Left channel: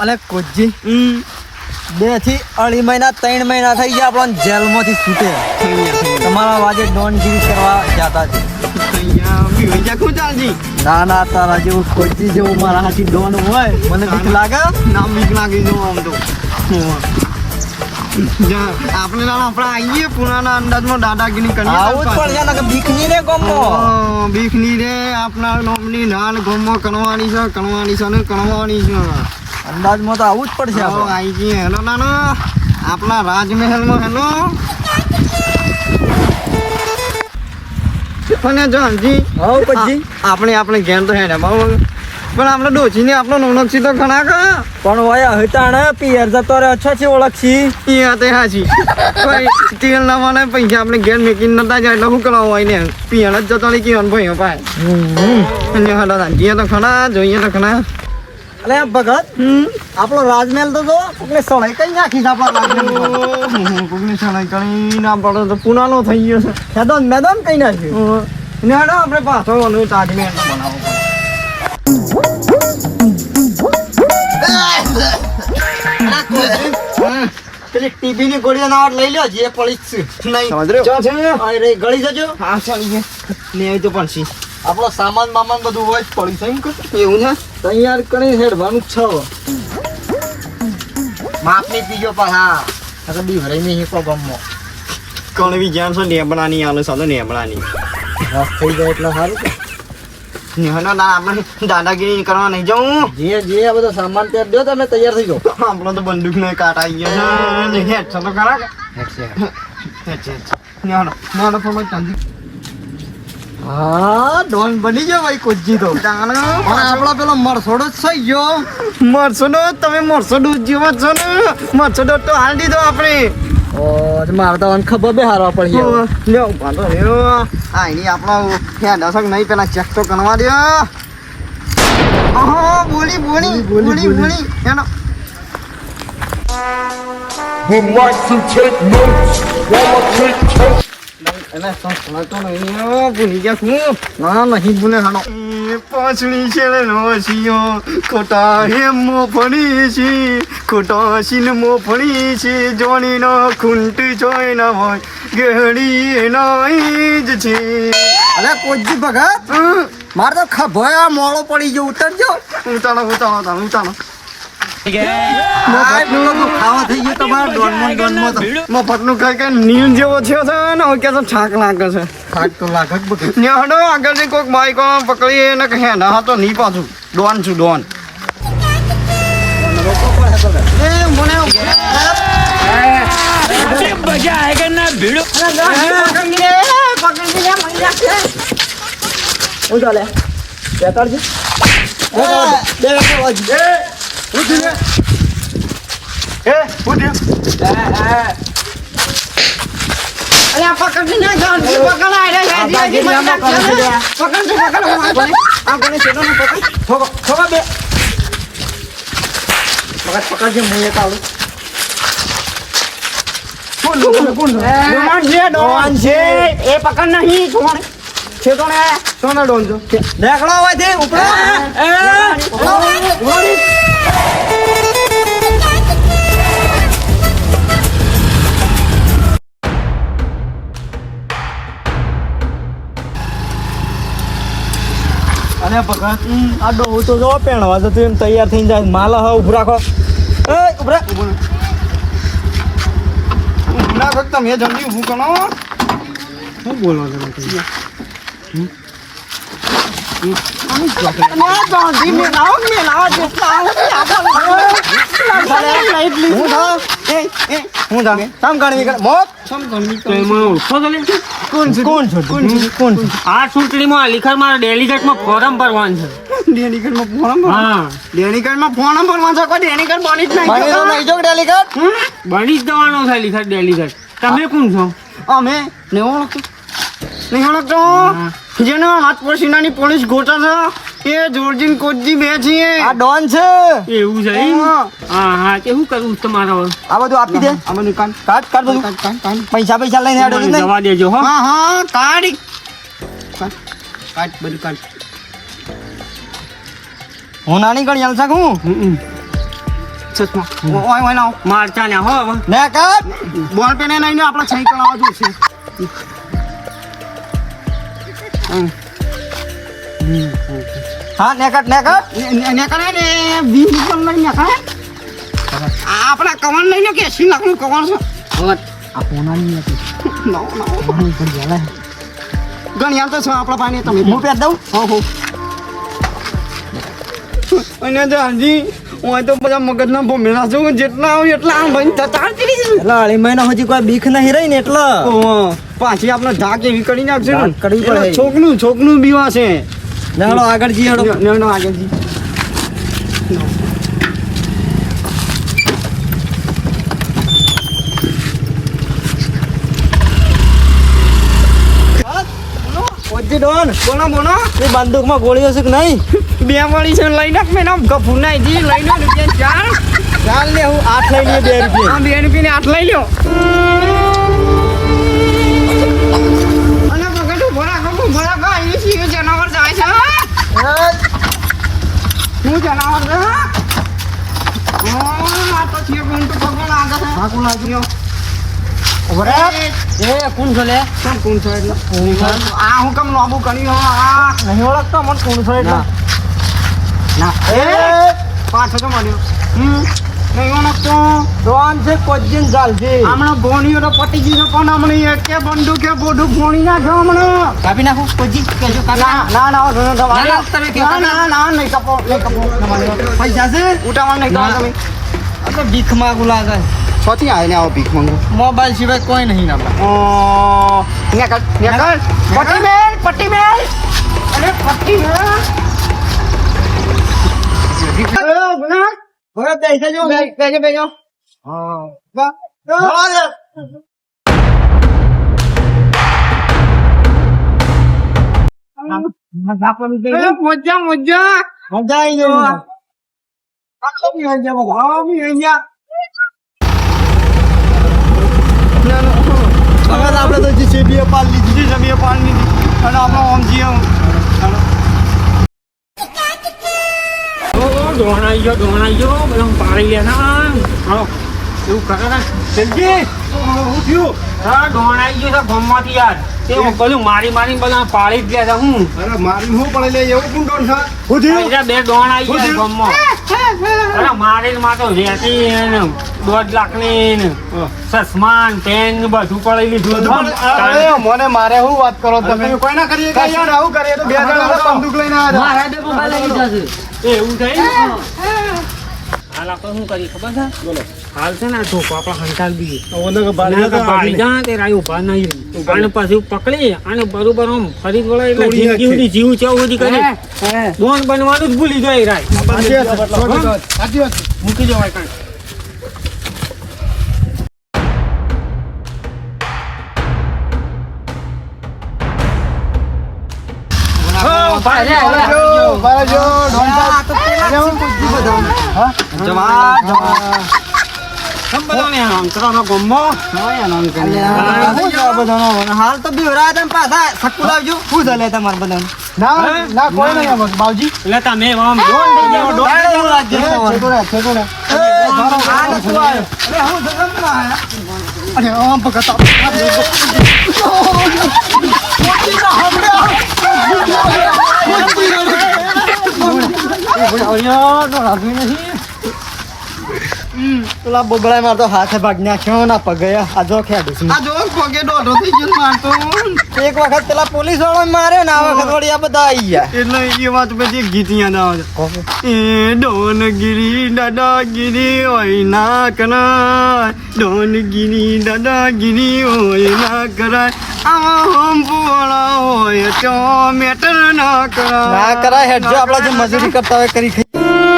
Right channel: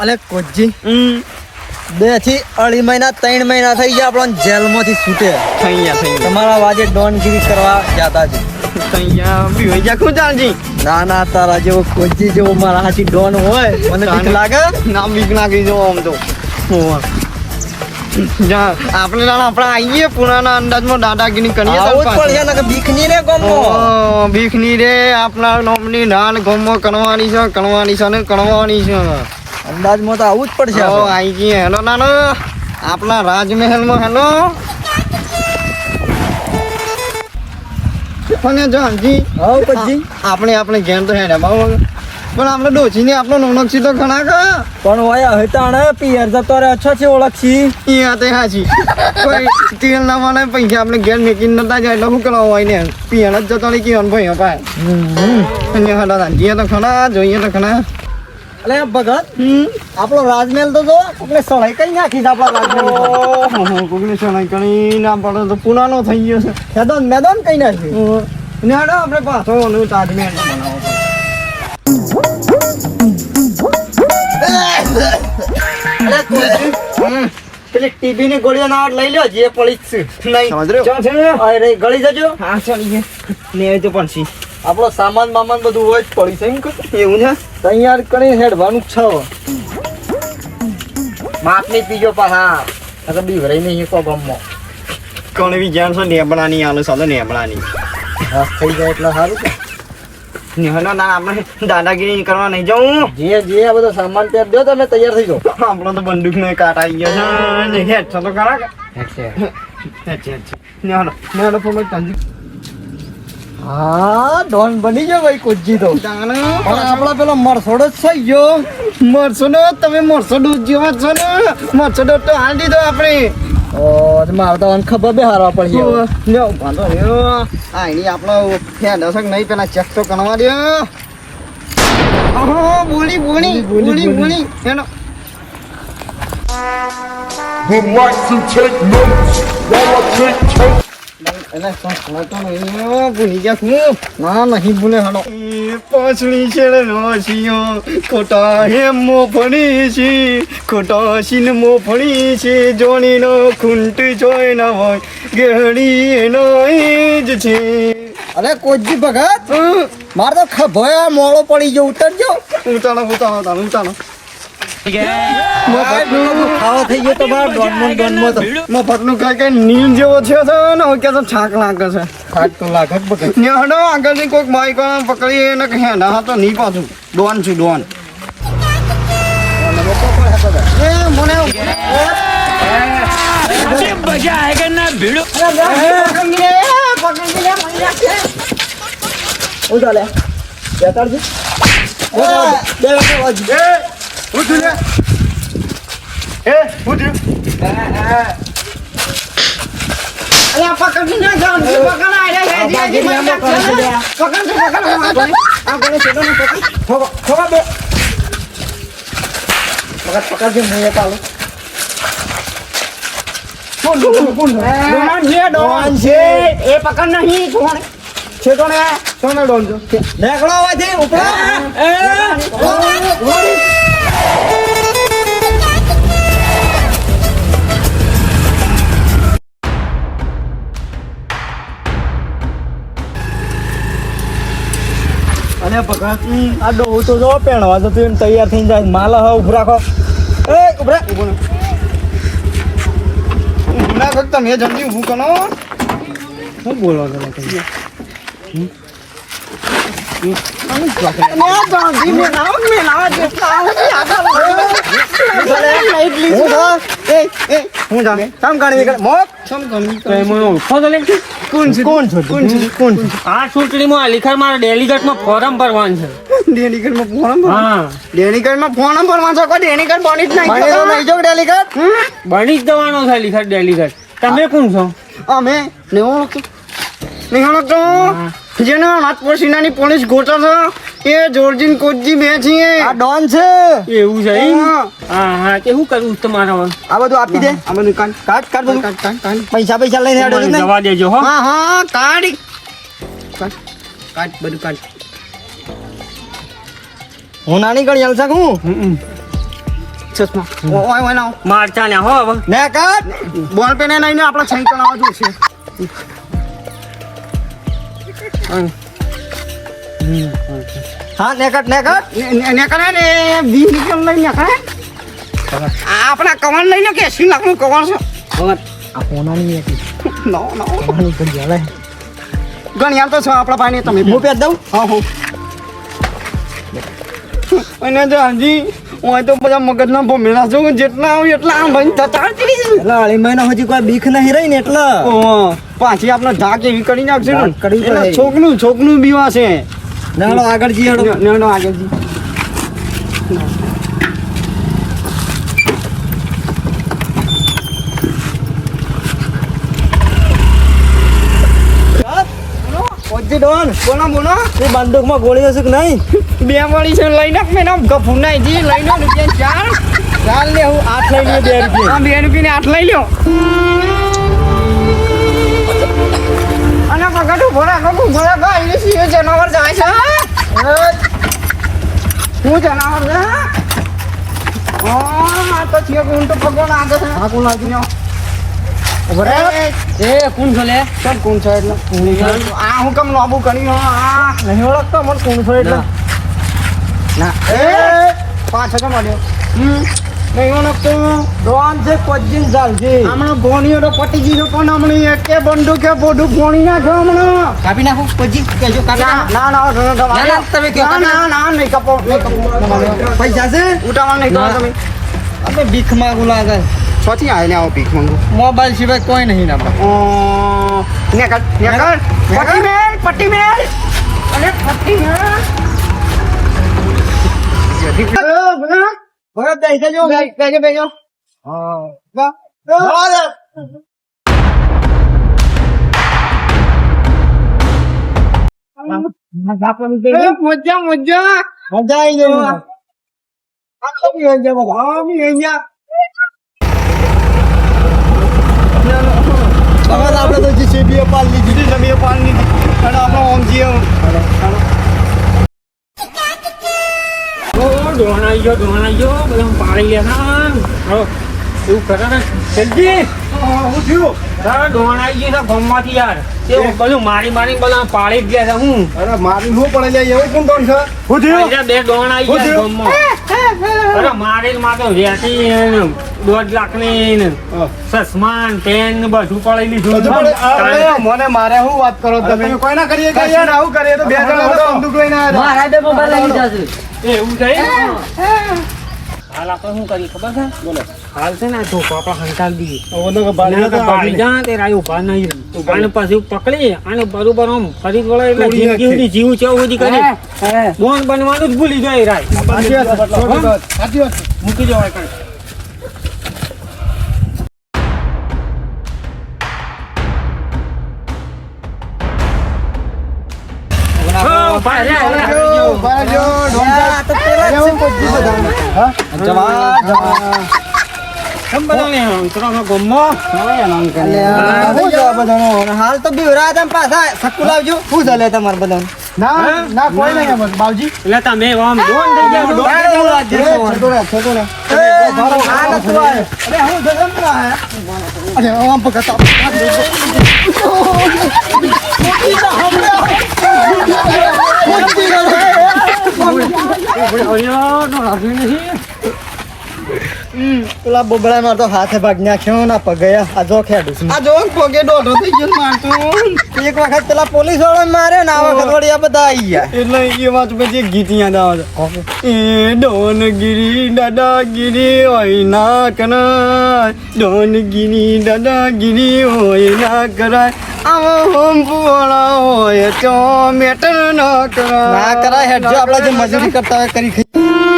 અલે કોજી. બેથી અઢી મહિના ત્રણ મહિના થઈ ગયા આપણને જેલમાંથી છૂટે. તમારા વાજે ડોનગીરી કરવા જતા છે ના ના તારા જેવો કોચી જેવો મારા હાથી ડોન હોય મને બીક લાગે? નામ બીક નાખી જવો આમ તો. આપણે ના આપણે આવીએ પુરાના અંદાજમાં દાદાગીરી કરીએ આવું જ તાર પડશે પાસે. ને કે બીકની રે ગમો. ઓ, બીકની રે આપણા નોમની નાન ગમો કણવાની છે કણવાની છે ને કણવાની છે. અંદાજમાં તો આવું જ પડશે આવી. ગઈ. હેલો નાનો. આપણા રાજમહેલમાં હેલો. પણ જો હજી હઉ પછી આપણે આપણે ઘેર તો હેડે બહુ પણ આપણે ડોસીને આપણો નોનકસી તો ઘણા કે? પણ હોય હટાણે પિયર જતો તારે અચ્છા છે ઓળખી ઈ તે હાચી. કોઈ તેલ ના માને પૈસા આપણે ઘેર મેકીને નતા જાય એટલે હું કરવા હોય ને પિયણ જ જતો રહી કેવાનું ભાઈ પાય અને હડા રાંધીએ તો ખણા જોઈએ તો ખરા અલે ભગત આપણો રાજમહેલ તો જો કોકને સળાઈ કઈ નાખી છે આપણા રાજમહેલ. કોકને સણાઈ કરી ના પડે તો પુનાનો થઈ ગયો છે. મેદાન મેદાન કઈ નાખ્યું ને હેડો આપણે પાછો નું તાજમહેલ પેલી ટીબી ની ગોળીઓ ના લઈ લ્યો જે પડી જ છે. નહીં. સમજ રહ્યો? અરે ગળી જજો. હા ચાલી ગયા ને તો પણ સી આપણો સામાન બામાન બધું હોય જ પડ્યું છે એમ કે? એવું છે? તૈયાર કરી હેડવાનું છ. છે માપ નહીં પીજો પણ હા. નકર બીવરાઈ નહીં કો ગમો કોણ બી જાણ છો નેબડાની આલો સાલો નેબડાની રસ થઈ જાય એટલે સારું કે ને ના આપણે દાદાગીરી કરવા નહીં જાઉં. જે જે આ બધો સામાન પેર દો તમે તૈયાર થઈ જાઓ. આપણો તો બંદૂક ને કાટ આવી ગયો છે. હેડ તો ખરા હેડ છે હેડ છે ને ને થોડો ચાંદી હા ડોન બની ગયો ભાઈ કોજી તો. પણ આપણો પેલો મરસોડો જ થઈ ગયો મરસોડો તમે મરસોડો જેવા છો ને. મરસોડો તો હાલ દીધો આપણે. ઓ મારે તો ખબર બે હારવા પડી લ્યો વાંધો રહ્યો આ એની આપણો ખ્યાલ હશે નહીં પેલા ચેક તો કરવા દે બોલી બોલી બોલી બોલી હેડો would like to take notes? While I take toast. એને સંભળાતો નહીં ભૂલી ગયા હું ના નહીં ભૂલે પાછળી ખોટા મો ફણી છે ખોટા સીન મો ફણી છે જોણીનો ખૂંટ જોઈ ના હોય ગેડી એનો જ છે. અરે કોજી ભગત મારે તો ખભો આ મોળો પડી ગયો ઉતરજો. ઉતાળો ઉતાળો તાળો ઉતાળો ડોન છું ડોન એ મને હું ચાલે બેતાડજી બે હું થયું લે? એ હું થયું અલ્યા પકડી ને ભગત પકડજે હું એક છે ડોન છે. એ પકડ નહીં કોણ? છે તો ને સોના ડોન છો? નેકળો આવાથી ઉપર અને હું તો જો પહેણવા જતું એમ તૈયાર થઈને જાય માલ હવે ઉભું રાખો એ ઉભરા ના ફક્ત મેં જલ્દી ઊભું કરો શું બોલો છો તમે? હું હું જાણે કામ કરી નીકળ આ ચૂંટણીમાં અલીખરમાં ડેલિગેટમાં ફોરમ ભરવાનું છે. ડેનિકરમાં ફોન હા. ડેનિકરમાં ફોન ભરવા છો? કોઈ ડેનિકર બની જ નહીં? બની જ જવાનો છે અલીખર ડેલિગેટ. તમે કોણ છો? અમે નહીં ઓળખતો? જેને હાથ પસીનાની પોલીસ ગોટા છે. એ જોર્જીન કોચજી બે છીએ. આ ડોન છે. એવું છે હા. હા હા તે શું કરવું તમારા આ બધું આપી દે. આ બધું કાન. કાટ કાટ બધું. કાઢ કાઢ કાઢ પૈસા પૈસા લઈને આડો નહીં જવા દેજો હો. હા હા કાટ કાઢ બધું કાટ હું નાની ગણી હાલ શકું? ચશ્મા. ઓય ઓય લાવ મારચા ને હો હવે. ને કાટ બોલ પેને નહીં આપણે આપણે સહી કરાવવા જોશે હા ને કાટ ને ને વીસ લીટર લઈને નીકળે આપણા કવન લઈને કે એસી લાખનું કવન છે? આ પોનાની હતી નો નો પાણી પડી જાય ગણ્યા તો છો આપણા ભાઈને તમે. હું પેર દઉં? હા હું. અને હાજી હું તો બધા મગજના ભમેલા છું. જેટલા આવું એટલા આમ ભાઈ થતા જ. એટલે અઢી મહિના હજી કોઈ બીક નહીં રહી ને એટલે. પાછી આપણે ધાક એવી કરી નાખશે ને. છોકનું છોકનું બીવા છે. ને હાલો આગળ જી હેડો. નો આગળ જી ડોન બોલો બોલો. એ બંદૂકમાં ગોળી હશે કે નહીં? બે વાળી છે લઈ નાખ મેં નામ. ગફુ જી લઈ લો રૂપિયા ચાર. ચાલ ને હું આઠ લઈ લઈએ બે રૂપિયા. બે રૂપિયા આઠ લઈ લ્યો. અહીં સિંહ જનાવર જાય છે શું જનાવર છે હા? તો છે તો ભગવાન આગળ છે. હા કોણ એ કોણ છે લે? સબ કોણ છે એટલે? આ હું કેમ લોબુ કરી હો આ? નહીં ઓળખતો મને કોણ છો એટલે? ના. એ પાછો તો મળ્યો હમ. ચાલ છે હમણાં ભોણીઓ તો પટી ગઈ છે પણ હમણાં એકે બંદૂકે બોડું ભોણી નાખો હમણાં. કાપી નાખો કોજી કેજો કાપી ના ના ના ના, ના, ના, ના, તમે કહો, ના, ના, ના, નહીં કપો નહીં કપો. પૈસા છે? ઉઠાવવા નહીં ના. તમે. અરે ભીખ માંગુ લાગે. છોથી આવીને આવો ભીખ માંગો. મોબાઈલ સિવાય કોઈ નહીં ના મેલ પટ્ટી મેલ અરે પટ્ટી મેલ હેલો, ગુના. હવે પૈસા જો બે- બેજો હા. મોજા મોજા. મજા આવી બી જાય બાબા. આ બી આવી જાય. હવે તો જે બે પાલ લીધી. છે જમીએ પાલ લીધી. અને આપણો ઓમ જીએ. ડોણ આવી ગયો ડોણ આવી ગયો બધા પાડી ગયા ના હો એવું કરે ને. જલ્દી હું થયું તારા ડોણ આવી ગયો ગમમાંથી યાર. તે બધું મારી મારી બધા પાડી જ ગયા છે હું. અરે મારી શું પડે એવું કોણ ડોન છે? હું બીજા બે ડોણ આવી ગયા થયું? ગમમાં. અરે મારી માં તો વેટી દોઢ લાખની ને ચશ્મા ને પેન બધું પડી લીધું. બધું પડે આ પડે, મને મારે શું વાત કરો? તમે કોઈ ના કરીએ કે યાર? આવું કરીએ તો બે જણા બંદૂક લઈને આવ્યા. હતા. એ એવું થઈ? હાલ આપણે શું કરીએ ખબર છે? બોલો. હાલ છે ને આ ધોકો આપણે હંતાલ દઈએ ના તો ભાઈ જા તે રાય ઊભા નહીં રહે. આને પકડી અને બરોબર આમ ફરી વળે એટલે. સુધી જીવ ચેવ સુધી કરી. બોન બનવાનું જ ભૂલી જાય રાય સાચી વાત. છે, દો. છે. મૂકી જવાય કાંઈ. જો, હાલ તો બીવરા ને પાછા સક્કુ લાવજો શું ચાલે તમારે બધાને ના ના કોઈ નહીં બાવજી એટલે તમે આમ ડોન ડોન ના, એવું વાત છે. એ, છેતોડા, છેતોડા. એ, આ નતું આવ્યું. અરે હું જગમ ના અરે આમ પકડતા પેલા બોબડા માં તો હાથ ભાગ નાખ્યો ના પગે. આ જો ખેડું. આ જો પગે દોઢો થઈ ગયો મારતો. એક વખત પેલા પોલીસવાળા મારે ને આ વખત વળી આ બધા આવી ગયા. એટલે એ વાત પછી ગીત યાદ આવે છે. એ ડોનગીરી દાદાગીરી હોય ના કરાય. ડોનગીરી દાદાગીરી હોય ના કરાય. હોય તો મેટર ના કરાય. ના કરાય હેડ જો આપડા જે મજૂરી કરતા હોય કરી ખાઈ.